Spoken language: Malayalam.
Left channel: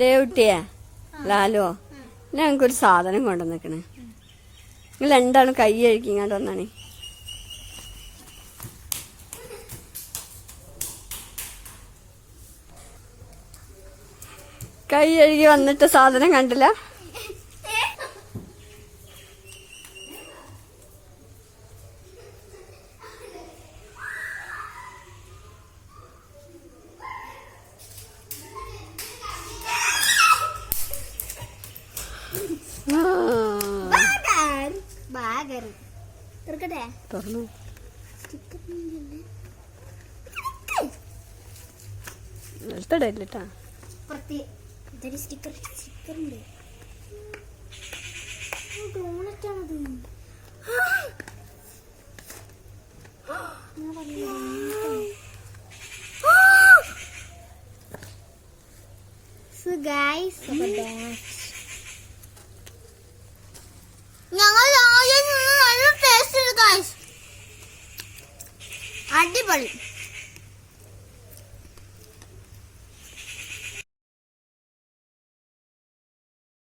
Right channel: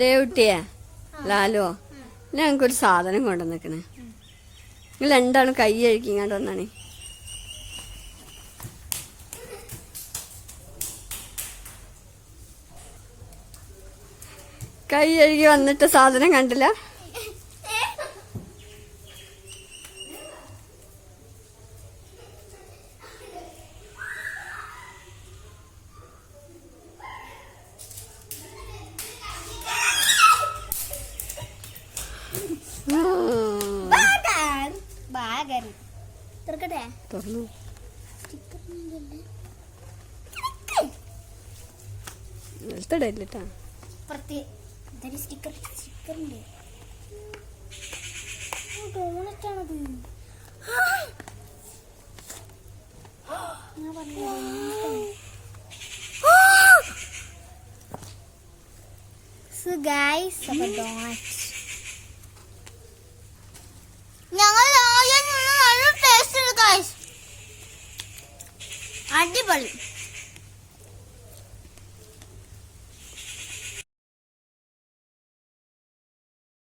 ദേവുട്ടിയെ? ലാലോ? ഞങ്ങൾക്കൊരു സാധനം കൊണ്ടുവന്നിക്കണേ. നിങ്ങൾ എന്താണ് കൈ അഴിക്കിങ്ങാണ്ട് വന്നാണേ. കൈ അഴുകി വന്നിട്ട് സാധനം കണ്ടില്ല? തുറന്നു. നിലത്തടയില്ലട്ടാ സ്റ്റിക്കർ സ്റ്റിക്കർ ഉണ്ട് ഡോണറ്റാണത് ഗൈസ് ഞങ്ങൾ അടിപൊളി